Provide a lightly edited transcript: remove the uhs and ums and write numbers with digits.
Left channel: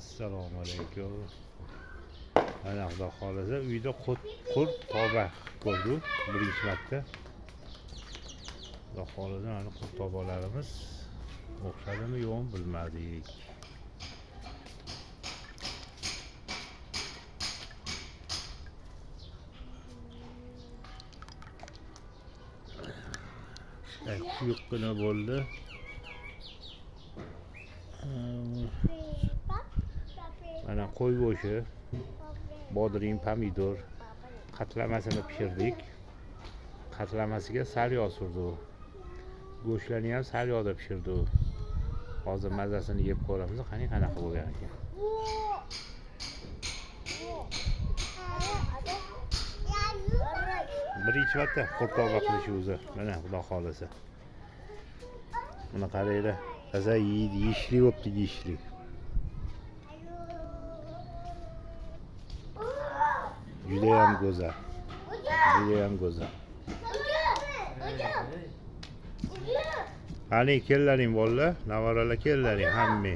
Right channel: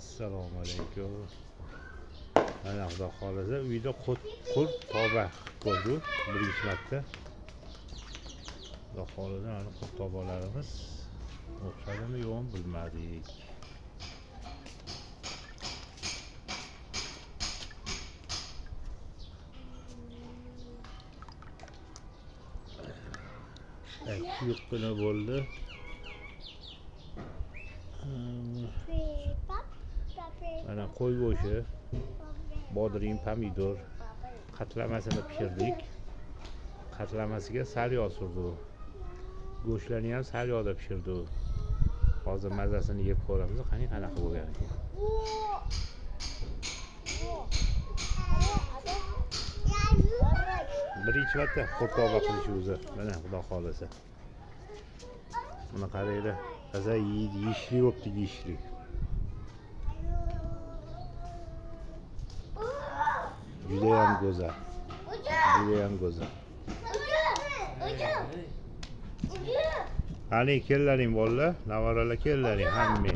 Assalomu alaykum. Mana xudo xolasa uyda qurt toba ko'rdik birinchi marta. Xudo xolasa mana qurt tobalarimiz o'xshadimi yo'qmi bilmadik. Yiqqina bo'ldi. Mana qo'y go'shti, bodring, pomidor qatlamasini pishirdik. Qatlamasiga sal yog' surdik. Go'shtlarni ham sal yog'da pishirdik. Hozir mazasini yeb ko'ramiz, qanaqa bo'lgan ekan. Birinchi marta qurt toba qilish o'zi. Mana xudo xolasa. Buni qaranglar. Taza yeyishli bo'pti, yeyishli. Judayam go'zal. Judayam go'zal. Qani kellaring bolalar, navaralar kellaring hamma.